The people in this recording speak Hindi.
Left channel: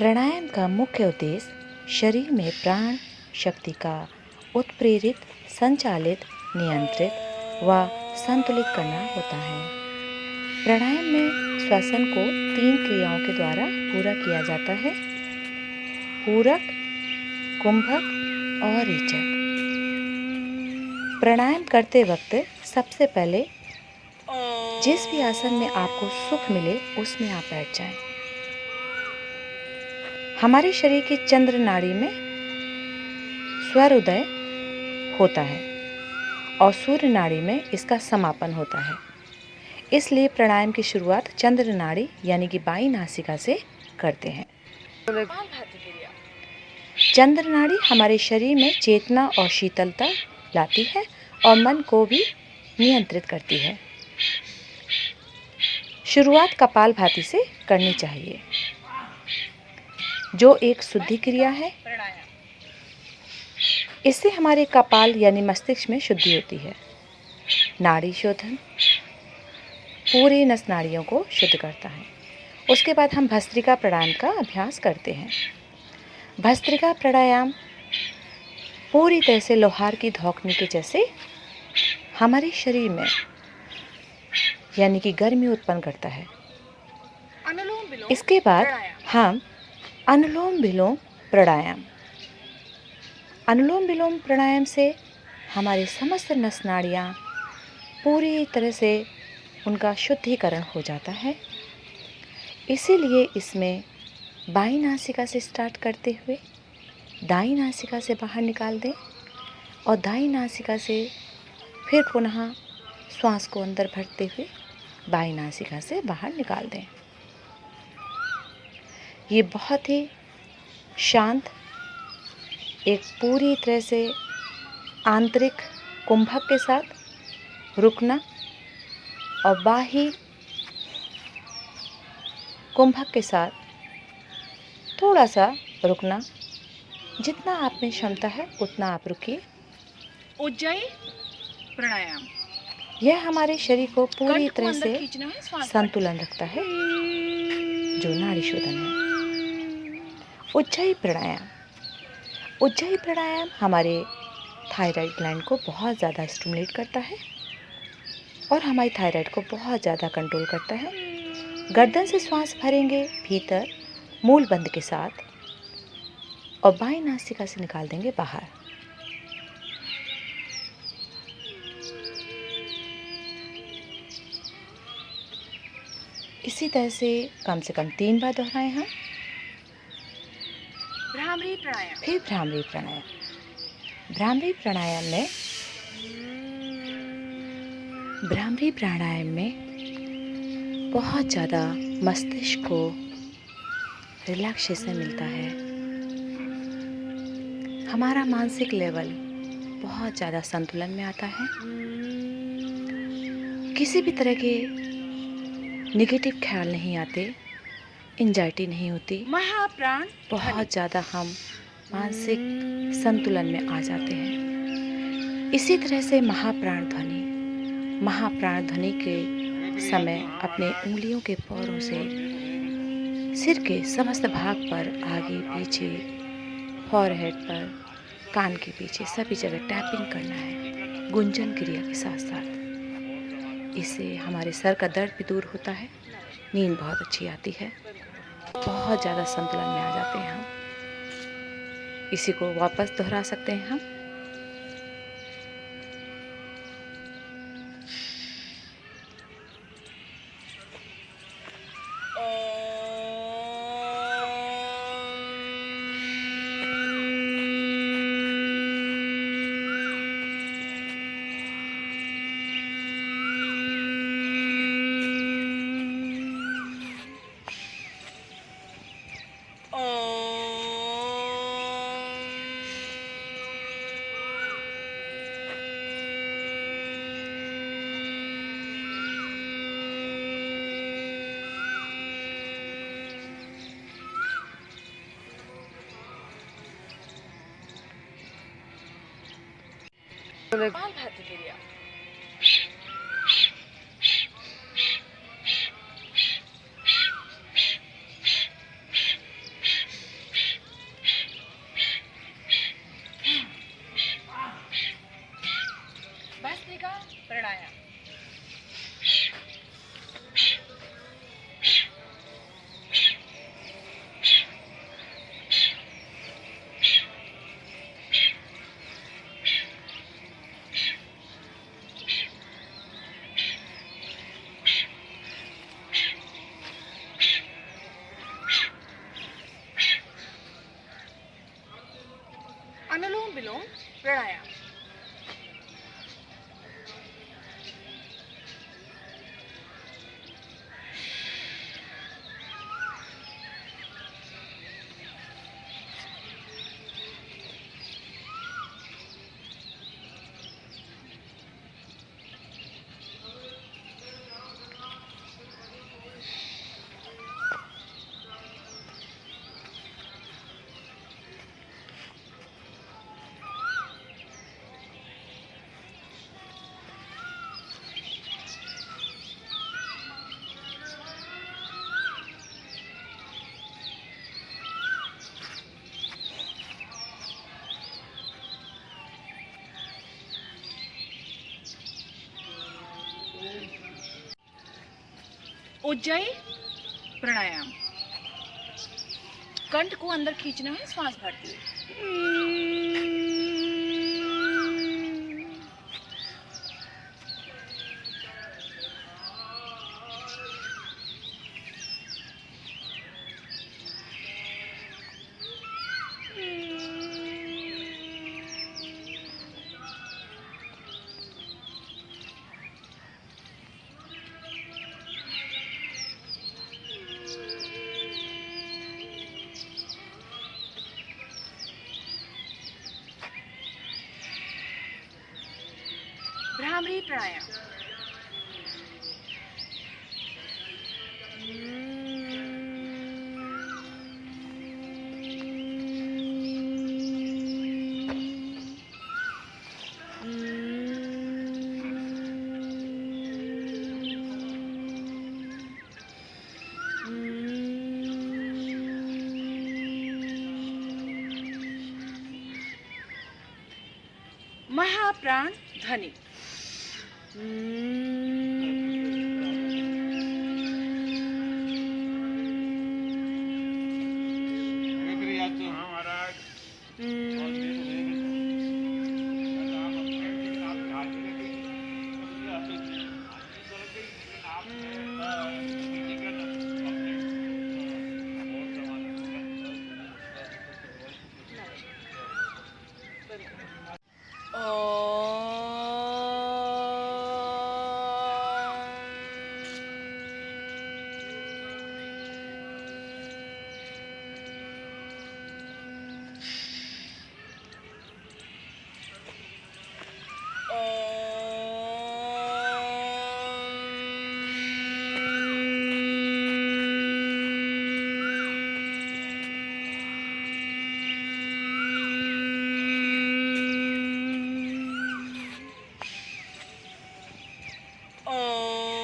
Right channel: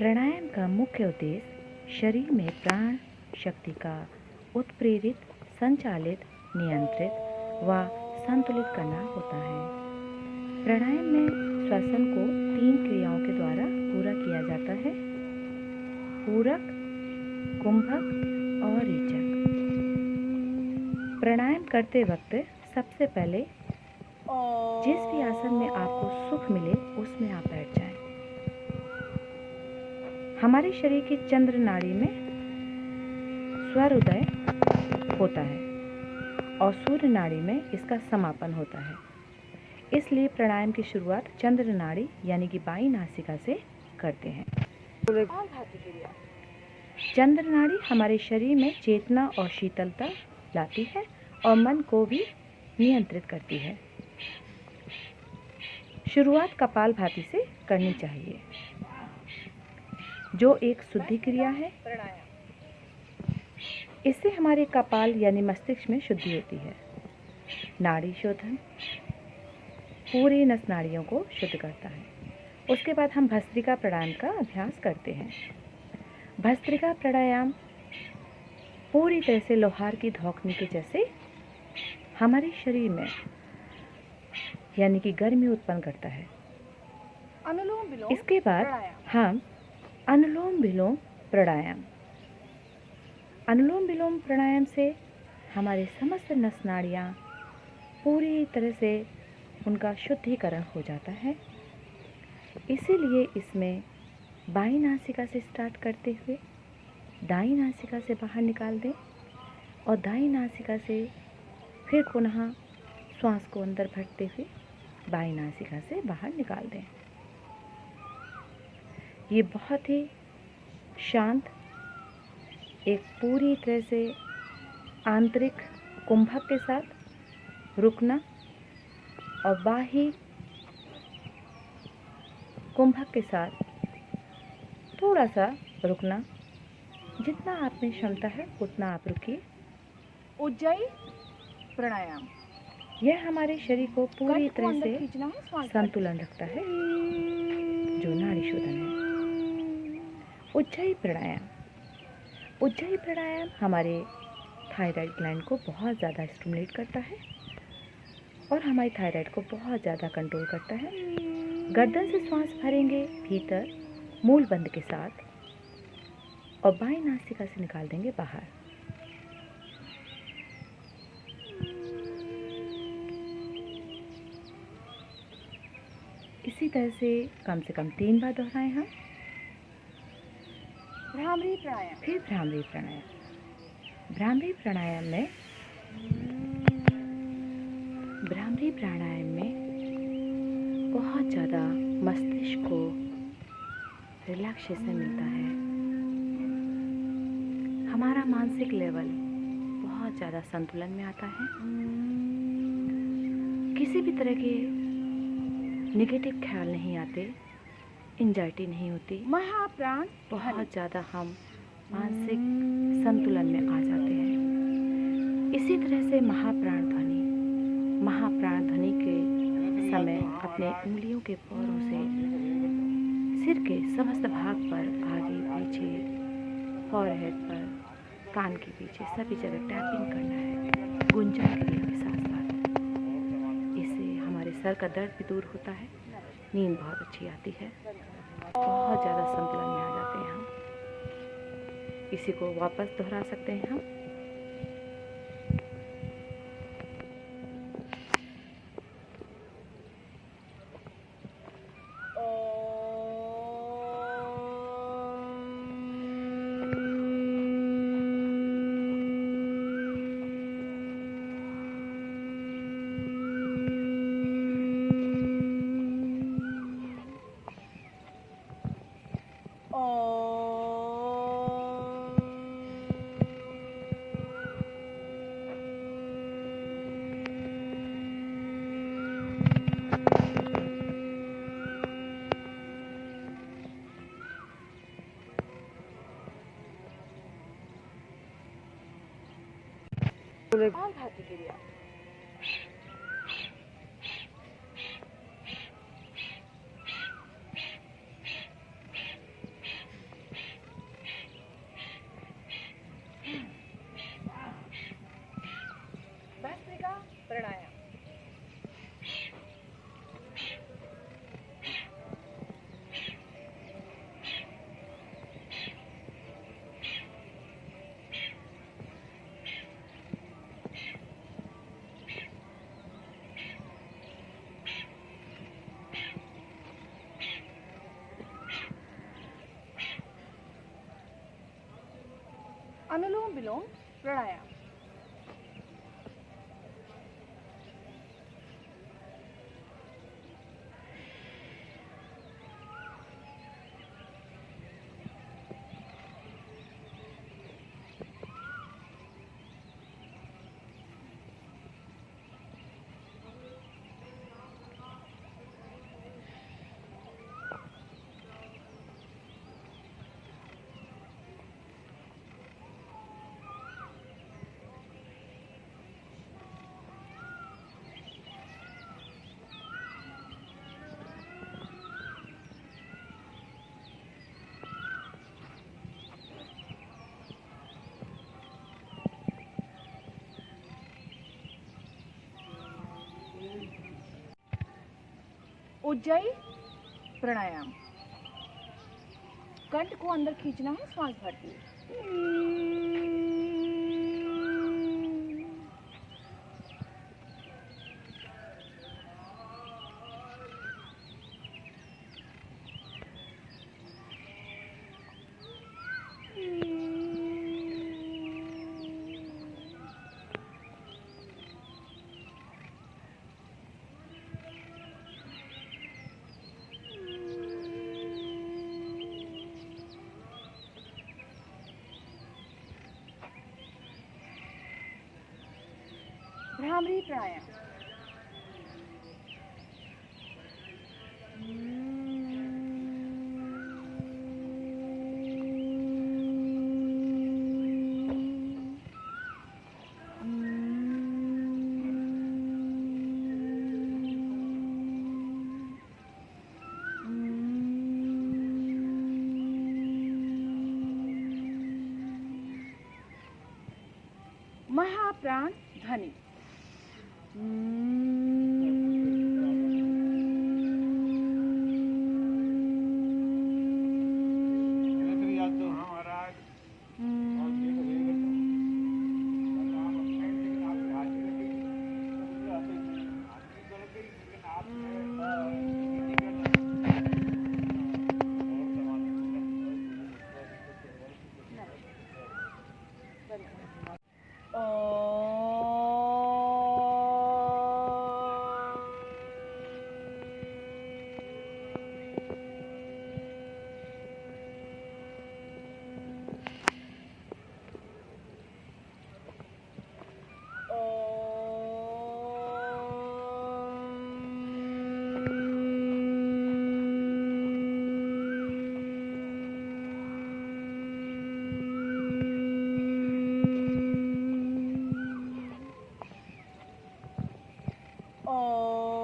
प्राणायाम का मुख्य उद्देश्य शरीर में प्राण शक्ति का उत्प्रेरित, संचालित, नियंत्रित व संतुलित करना होता है। प्राणायाम में श्वसन को 3 क्रियाओं के द्वारा पूरा किया जाता है: पूरक, कुंभक और रेचक। प्राणायाम करते वक्त सबसे पहले जिस भी आसन में आपको सुख मिले उसमें आप बैठ जाएं। हमारे शरीर की चंद्र नाड़ी में स्वरोदय होता है और सूर्य नाड़ी में इसका समापन होता है। इसलिए प्राणायाम की शुरुआत चंद्र नाड़ी यानी कि बाई नासिका से करते हैं। चंद्र नाड़ी हमारे शरीर में चेतना और शीतलता लाती है और मन को भी नियंत्रित करती है। शुरुआत कपालभाति से करनी चाहिए, जो एक शुद्धि क्रिया है। इससे हमारे कपाल यानी मस्तिष्क में शुद्धि होती है। नाड़ी शोधन पूरे नस नाड़ियों को शुद्ध करता है। उसके बाद हम भस्त्रिका प्राणायाम का अभ्यास करते हैं। भस्त्रिका प्राणायाम पूरी तरह से लोहार की धौंकनी के जैसे हमारे शरीर में यानी कि गर्मी उत्पन्न करता है। इसके बाद हम अनुलोम विलोम प्राणायाम। अनुलोम विलोम प्राणायाम से हमारे समस्त नस नाड़ियाँ पूरी तरह से उनका शुद्धिकरण हो जाता है। इसीलिए इसमें बाईं नासिका से स्टार्ट करते हुए दाईं नासिका से बाहर निकाल दें और दाईं नासिका से फिर पुनः श्वास को अंदर भरते हुए बाईं नासिका से बाहर निकाल दें। ये बहुत ही शांत, एक पूरी तरह से आंतरिक कुंभक के साथ रुकना और बाह्य कुंभक के साथ थोड़ा सा रुकना। जितना आप में क्षमता है उतना आप रुकिए। उज्जयी प्राणायाम यह हमारे शरीर को पूरी तरह से खींचना है, श्वास संतुलन रखता है, जो नाड़ी शोधन है। उज्जयी प्राणायाम। उज्जयी प्राणायाम हमारे थायराइड ग्लैंड को बहुत ज़्यादा स्टिमुलेट करता है और हमारी थायराइड को बहुत ज़्यादा कंट्रोल करता है। गर्दन से श्वास भरेंगे भीतर मूल बंद के साथ और बाईं नासिका से निकाल देंगे बाहर। इसी तरह से कम 3 बार दोहराएं हम। भ्रामरी प्राणायाम। फिर भ्रामरी प्राणायाम। भ्रामरी प्राणायाम में बहुत ज़्यादा मस्तिष्क को रिलैक्सेशन मिलता है। हमारा मानसिक लेवल बहुत ज़्यादा संतुलन में आता है। किसी भी तरह के नेगेटिव ख्याल नहीं आते, एंजाइटी नहीं होती। महाप्राण बहुत ज़्यादा हम मानसिक संतुलन में आ जाते हैं। इसी तरह से महाप्राण ध्वनि के समय अपने उंगलियों के पोरों से सिर के समस्त भाग पर, आगे पीछे, फॉरहेड पर, कान के पीछे सभी जगह टैपिंग करना है, गुंजन क्रिया के साथ साथ। इससे हमारे सर का दर्द भी दूर होता है, नींद बहुत अच्छी आती है, बहुत ज़्यादा संतुलन में आ जाते हैं हम। इसी को वापस दोहरा सकते हैं हम। कपालभाति क्रिया। प्राणायाम। अनुलोम विलोम प्राणायाम। उज्जयी प्राणायाम। कंठ को अंदर खींचना है श्वास भरते हुए। भ्रामरी प्राणायाम। महाप्राण ध्वनि। Oh.